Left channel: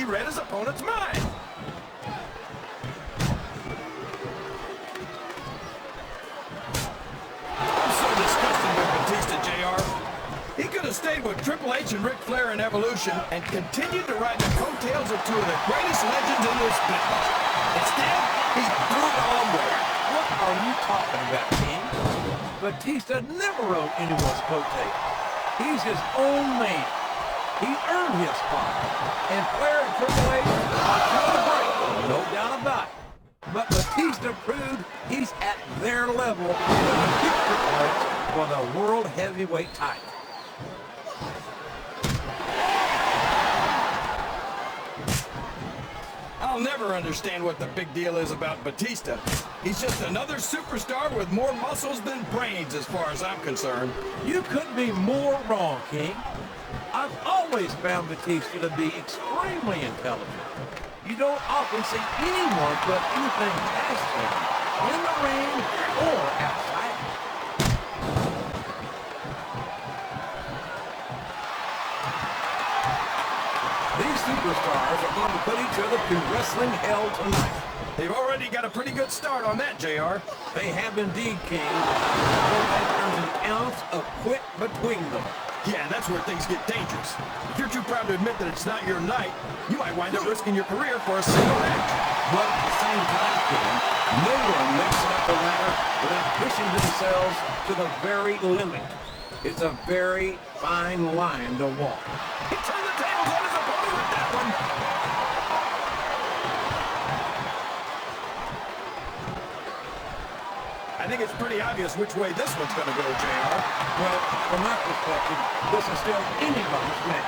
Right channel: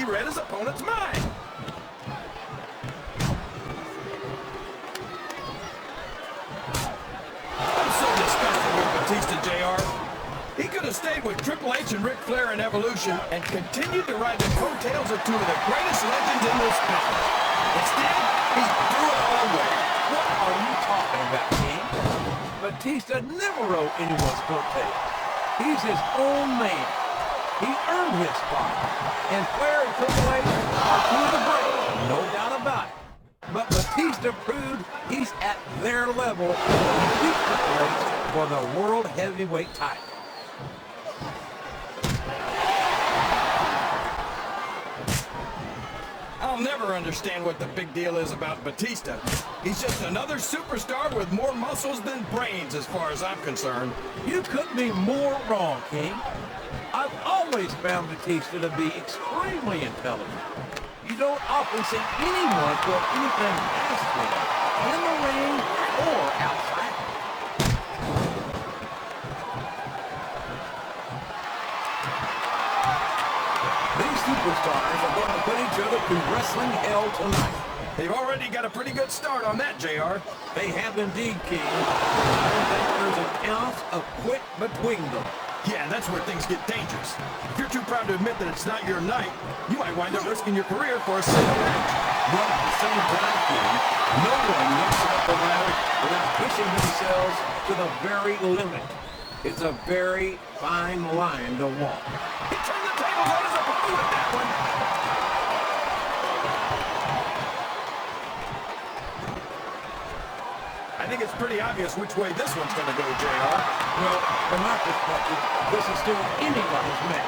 he read his opponent's mind. I'm so disgusted with Batista, JR. He could have stayed with Triple H and Ric Flair in Evolution and continued to ride the coattails of two of the greatest legends in this business. Instead, he threw it all away. What are you talking about, King? Batista never rode anyone's coattail. He's his own man. He earned his spot. And Flair and Triple H are doing great, no doubt about it. But Batista proved he's at their level in the future place for the World Heavyweight title. I'll never understand what the big deal is about Batista. He's just another superstar with more muscles than brains as far as I'm concerned. You couldn't be more wrong, King. I've always found Batista to be extremely intelligent. You don't often see anyone put anything past him in the ring or outside. These superstars are going to put each other through wrestling hell tonight. They've already got a pretty good start on that, JR. They have indeed, King. There's an ounce of quit between them. Yeah, that's where things get dangerous. If you're too proud to admit that it's not your night, you might wind up risking your career for a single match. But at the same time, King, no one makes it up the ladder without pushing themselves to the very limit. It's a very fine line to walk. He turned the tables on his opponent with that one. I think it's pretty obvious which way this one's going to go, JR. Well, from my perspective, this is still anybody's match.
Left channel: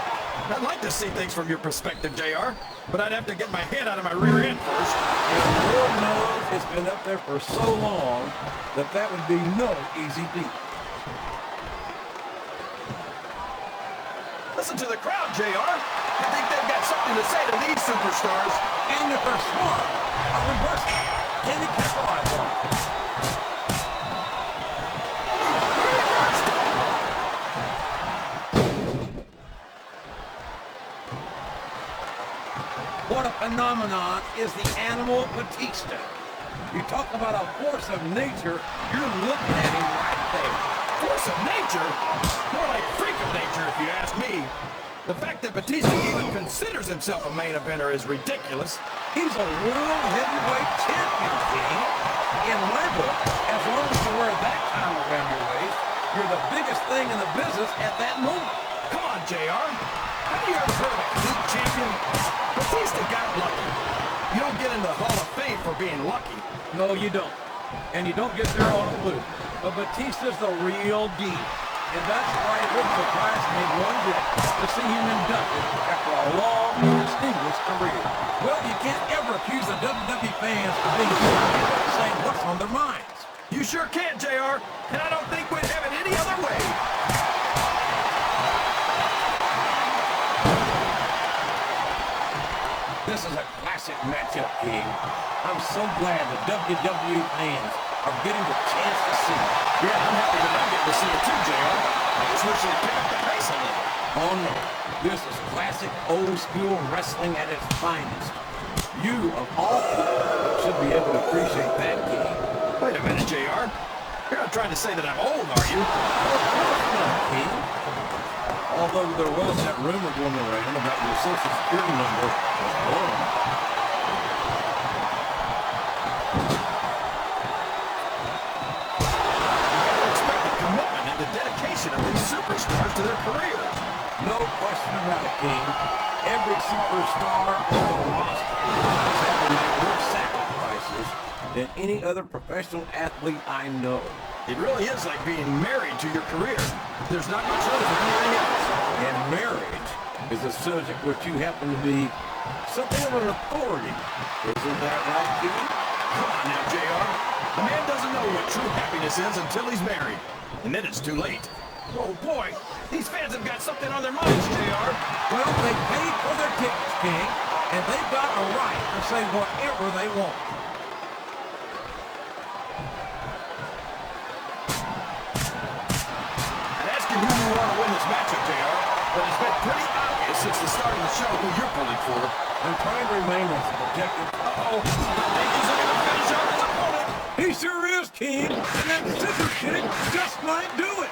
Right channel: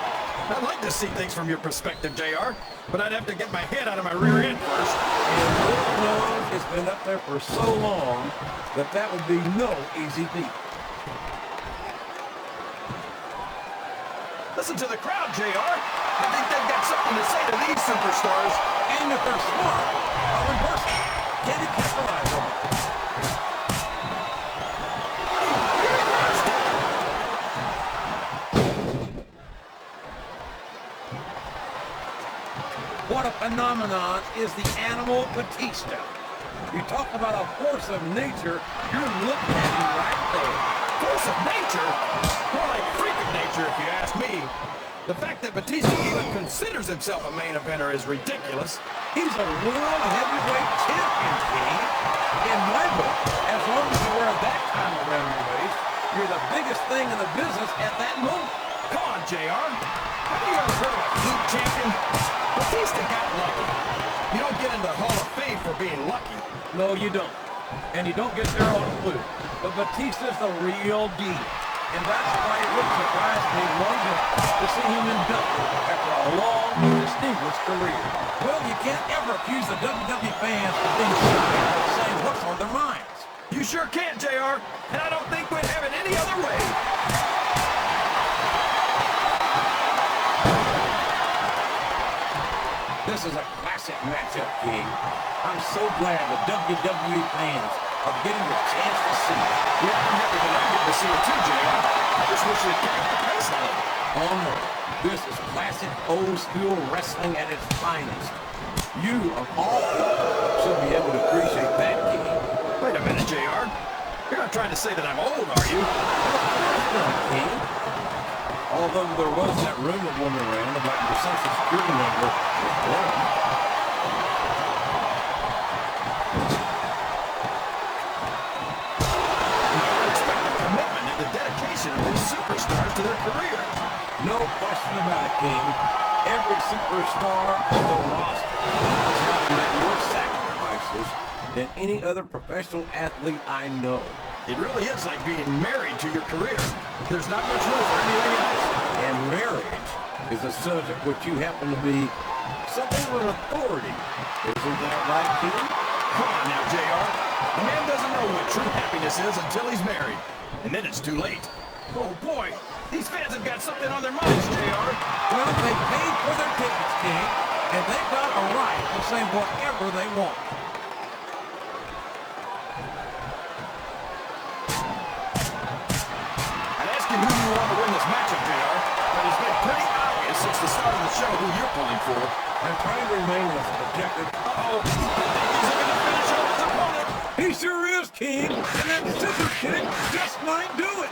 I'd like to see things from your perspective, JR, but I'd have to get my head out of my rear end first. And your mouth has been up there for so long that would be no easy feat. Listen to the crowd, JR. I think they've got something to say to these superstars. And if they're smart, then personal, can they capitalize on it? What a phenomenon is the animal Batista. You talk about a force of nature, you're looking at him right there. Force of nature? More like freak of nature, if you ask me. The fact that Batista even considers himself a main eventer is ridiculous. He's a world heavyweight champion, King. In my book, as long as you wear that time around your waist, you're the biggest thing in the business at that moment. Come on, JR. Have you ever heard of a heat champion? Batista got lucky. You don't get into the Hall of Fame for being lucky. No, you don't. And you don't get there on a fluke. But Batista's the real deal. And that's why it wouldn't surprise me one bit to see him inducted after a long, distinguished career. Well, you can't ever accuse the WWE fans of being saying what's on their minds. You sure can, JR. And I don't think we'd have it any other way. This is a classic matchup, King. I'm so glad the WWE fans are getting the chance to see it. Yeah, I'm happy that I get to see it too, JR. I just wish they'd pick up the pace a little. Oh no, this is classic old school wrestling at its finest. You, of all people, should be able to appreciate that, King. Wait a minute, JR. You're not trying to say that I'm old, are you? King. Although there was that rumor going around about your social security number was wrong. Expect the commitment and the dedication of these superstars to their career. No question about it, King. Every superstar on the roster has made more sacrifices than any other professional athlete I know. It really is like being married to your career. There's not much room for anything else. And marriage is a subject which you happen to be something of an authority. Isn't that right, King? Come on now, JR. A man doesn't know what true happiness is until he's married. And then it's too late. Oh boy, these fans have got something on their minds, JR. Well, they paid for their tickets, King, and they've got a right to say whatever they want. I'd ask you who you want to win this matchup, JR, but it's been pretty obvious obvious it's the start of the show who you're pulling for. I'm trying to remain as objective. Uh-oh. Is he going to finish off his opponent? He sure is, King. And that scissor kick just might do it.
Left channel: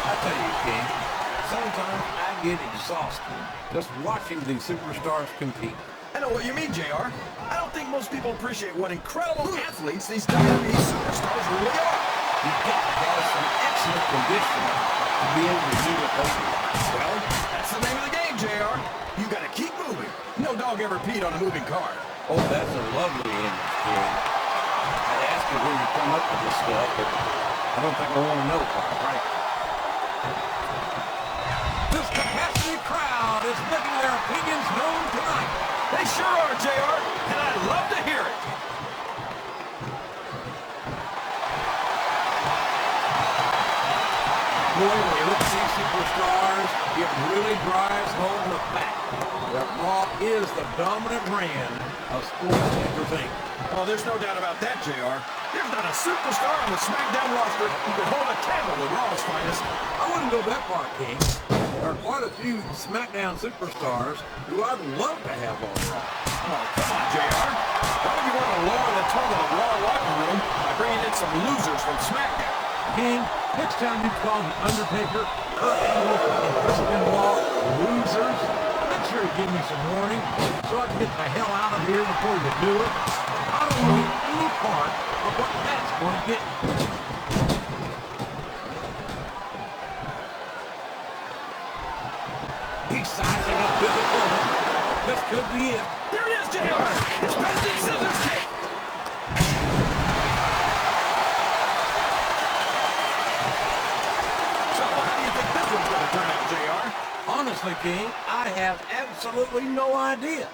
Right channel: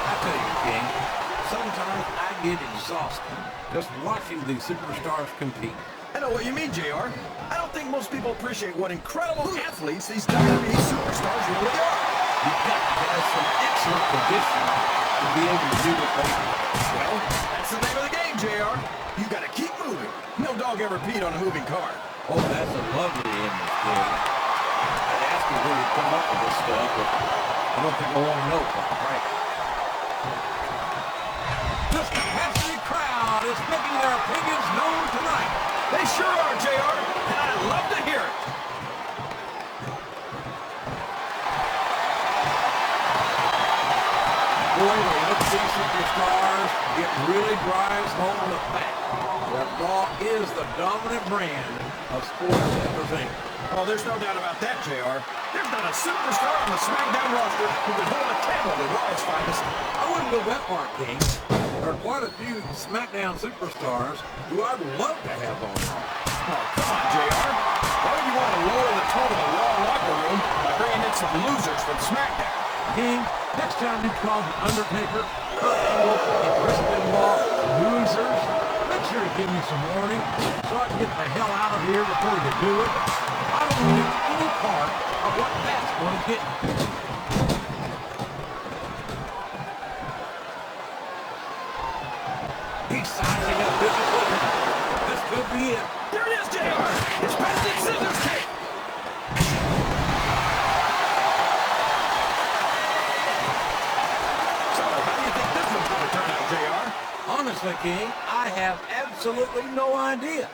I tell you, King, sometimes I get exhausted just watching these superstars compete. I know what you mean, JR. I don't think most people appreciate what incredible athletes these WWE superstars really are. You've got to have some excellent conditioning to be able to do what they do. Well, that's the name of the game, JR. You got to keep moving. No dog ever peed on a moving car. Oh, that's a lovely image, King. I'd ask you where you come up with this stuff, but I don't think I want to know, quite frankly. This capacity crowd is making their opinions known tonight. They sure are, JR, and I'd love to hear it. Boy, when you look at these superstars, it really drives home the fact that Raw is the dominant brand of sports entertainment. Oh, there's no doubt about that, JR. There's not a superstar on the SmackDown roster who could hold a candle to Raw's finest. I wouldn't go that far, King. There are quite a few SmackDown superstars who I'd love to have on. Oh, come on, JR. Why would you want to lower the tone of the Raw locker room by bringing in some losers from SmackDown? King, next time you call the Undertaker, and Chris Benoit losers, make sure you give me some warning so I can get the hell out of here before you do it. I don't want any part of what that's going to get. He's sizing up this opponent. This could be it. There it is, JR. It's Batista scissors kick. So, how do you think this one's going to turn out, JR? Honestly, King, I have absolutely no idea.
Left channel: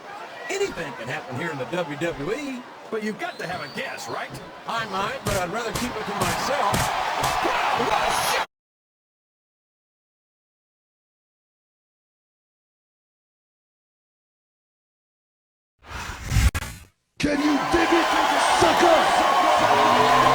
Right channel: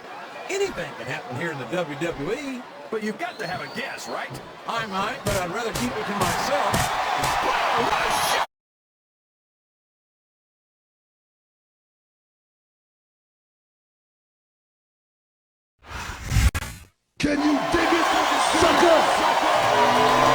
Anything can happen here in the WWE. But you've got to have a guess, right? I might, but I'd rather keep it to myself. Wow, what a shot! Can you dig it, sucker?